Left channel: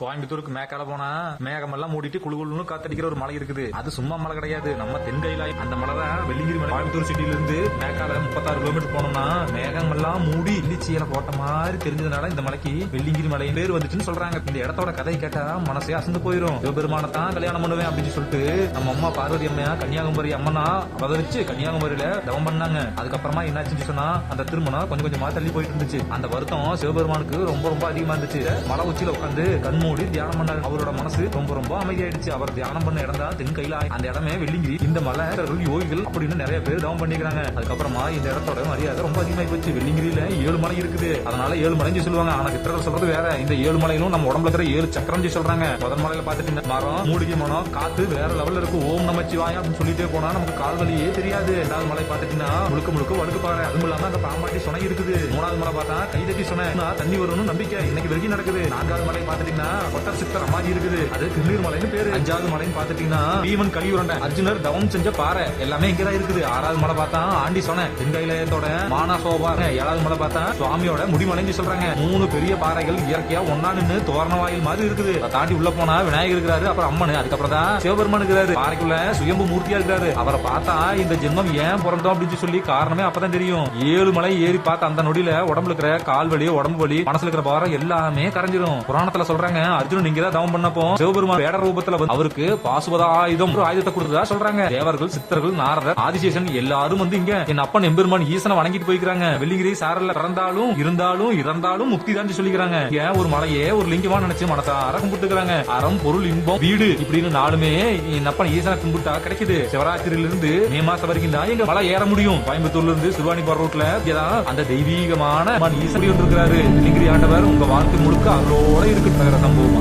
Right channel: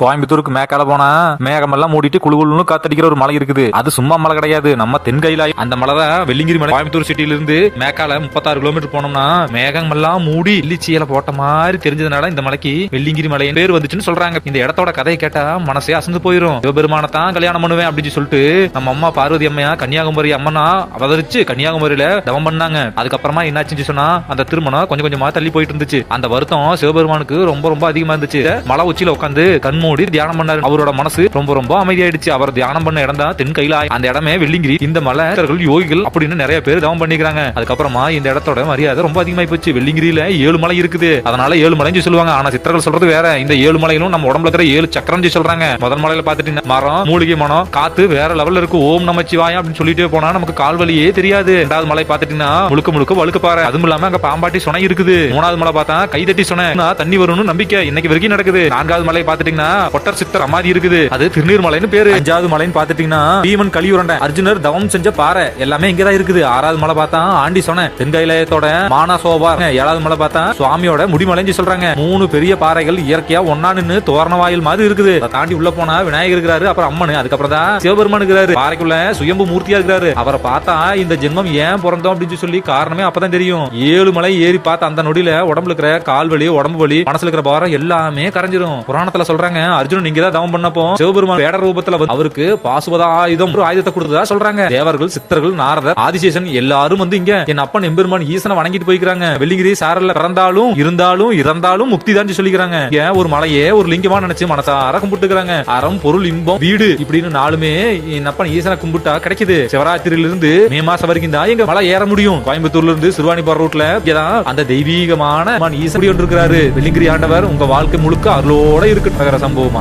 கோயம்புத்தூருக்கு மேக்கால போனா மேகமெல்லாம் மூடிட்டு குழுகுழுன்னு காத்தடிக்கிற ஒரு மலை இருக்குது. அது சும்மா மலை கிடையாது, நம்ம தென்கையில அந்த மலை தான் வெள்ளிங்கிரி மலை. கோயம்புத்தூர் சிட்டில இருந்து மேக்கால 36 கிலோமீட்டர் போனோம்னா மேகமெல்லாம் மூடி இல்லிச்சியில போட்ட மாதிரி தெரிஞ்சதுனால இந்த மலைக்கு வெள்ளிங்கிரி மலை பேர் வந்துச்சுன்னு சொல்றாங்க. இந்த இடத்தோட கதையை கேட்டா மனசே அசந்து போயிரும். சிவபெருமான தான் கல்யாணம் பண்ணுவேன் அப்படின்னு சொல்லிட்டு நம்ம அம்மா பார்வதி அம்மையா கன்னியாகுமரி அம்மனா அவதரிச்சு கன்னியாகுமரியில தவம் பண்ணாங்க. அதுக்கப்புறமா என்னாச்சுன்னு சொன்னா அந்த திருமணம் கொஞ்சம் கொஞ்சமா தள்ளி போயிட்டு இருந்துச்சு. அந்த வருத்தம் சிவபெருமானுக்கு ரொம்ப ரொம்ப அதிகமா இருந்துச்சு. மலை உச்சியில உட்காந்து மூடி தியானம் பண்ணாரு. அவரோட மனசு ரொம்ப ரொம்ப அமைதியாயிடுச்சு. அவர் தியானம் பண்ண இடம் தான் தென்கையில. அந்த இடமே வெள்ளிங்கிரி. இந்த மலைகள் யோகிகள் அப்படின்னு நிறைய பேர் தவம் பண்ணிக்கிறாங்க. அதுக்கப்புறமா இந்த இடத்தோட மரியாதை ரொம்ப அதிகமாயி போச்சு. வெள்ளிங்கிரியில 7 மலை இருக்குது, அதனால 7 மலைன்னு சொல்லுவாங்க. ஆனா சித்தர்கள் சொல்றது வேற. இந்த 7 மலையிலும் நம்ம உடம்புல இருக்கிற 7 சக்கரம் சொல்றாங்க. முதல் மலையில பாத்துட்டீங்கன்னா மரம், மூலிகை மனம், காத்து வேற லெவல்ல இருக்கு. ஓம் நமச்சிவாயம் அப்படின்னு சொல்லிட்டே போனா நமக்கு கால் வலியே தெரியாது. ரெண்டாவது மலை பாத்துட்டீங்கன்னா முழுக்க முழுக்க வழுக்கு பாறை. அதுவும் இல்லாம அங்க பாம்பாட்டி சுனை இருக்குது. மூணாவது மலை பார்த்தா கைதட்டி சுனை, தண்ணி வரும்னு நம்பிக்கை இன்னைக்கு வரைக்கும் நடக்குது. நான்காவது மலை பாத்துட்டீங்கன்னா கொட்டர் சித்தர் அமாதி இருக்குது, அது திருநீர்மலைன்னு பேரு. அஞ்சாவது மலைன்னு பாத்துட்டீங்கன்னா பீமன் கலியுரண்ட அர்ஜுனர் தவம் செஞ்ச பாறை எல்லாமே இங்கதான் இருக்குது. ஆறாவது மலை பார்த்தா ஆண்டி சொன்ன தென்கையிலயத்தோட மானசோபா. ஏழாவது மலை பார்த்தா சுவாமியோட முடிமலைன்னு சொல்றாங்க. 3 பெரிய பாறைகள் இயற்கையா ஒன்னா நின்னு தோரண வாயில் மாதிரி இருக்குது. அதை தாண்டி உள்ள போனா விநாயகர் இருக்கிறாரு, அப்புறம் அம்மன், அதுக்கப்புறம் தான் சிவபெருமான் இருக்கிறாரு. பாறைக்குள்ள சுயம்பு மூர்த்தியா இருக்கிறாரு. அவரை பார்த்தா இந்த ஜென்மம் ஏன் பிறந்தோம் அப்படின்னு சொல்லி காரணமே அப்பதான் தெரியும். 7 மலை ஏறி பார்த்த அந்த நொடியில உடம்புல இருக்கிற கால் வலி, உடம்பு வலி, மனசுல இருக்கிற பாரம் எல்லாமே கரைஞ்சிரும். புராணத்துல சொல்றாங்க அர்ஜுனன் நீங்க தான் தவம் பண்ணப்போ சிவபெருமான் வேட ரூபத்துல அவருக்கு பாசுவத ஆயுதம் ஒரு ஆயுதத்தை கொடுத்ததா சொல்றாங்க. தேவர்கள், சித்தர்கள், நாரதர், ஆதிசேஷன் எல்லாரும் வந்து இங்க என் அப்பன் எம்பெருமான் ஈசனை வணங்கிட்டு போய்க்கிறாங்க. வெள்ளிங்கிரி சாரல்ல பிறந்தாலும் இருந்தாலும் இறந்தாலும் முக்தி தான் சொல்லிக்கிறாங்க. ஒரு மலையே ஒரு லிங்கமா நினைச்சு மனசார கும்பிட்டுக்கிறாங்க. அறம், பொருள், இன்பம், வீடு இப்படின்னு 4மே என் அப்பன் ஈசனை கும்பிட்டா கிடைக்குது. சிவராத்திரியில இருந்து மே மாசம் வரைக்கும் தான் எங்க மலை ஏற முடியும். கோயம்புத்தூர்ல இருந்து சிறுவாணி போற ரூட்ல அந்த தெய்வீகமான ஈசன் இருக்கிறாரு. வெள்ளிங்கிரி ஆண்டவர் உங்க வாழ்க்கை முழுக்க அருளோட இருக்கு. சம்பவமா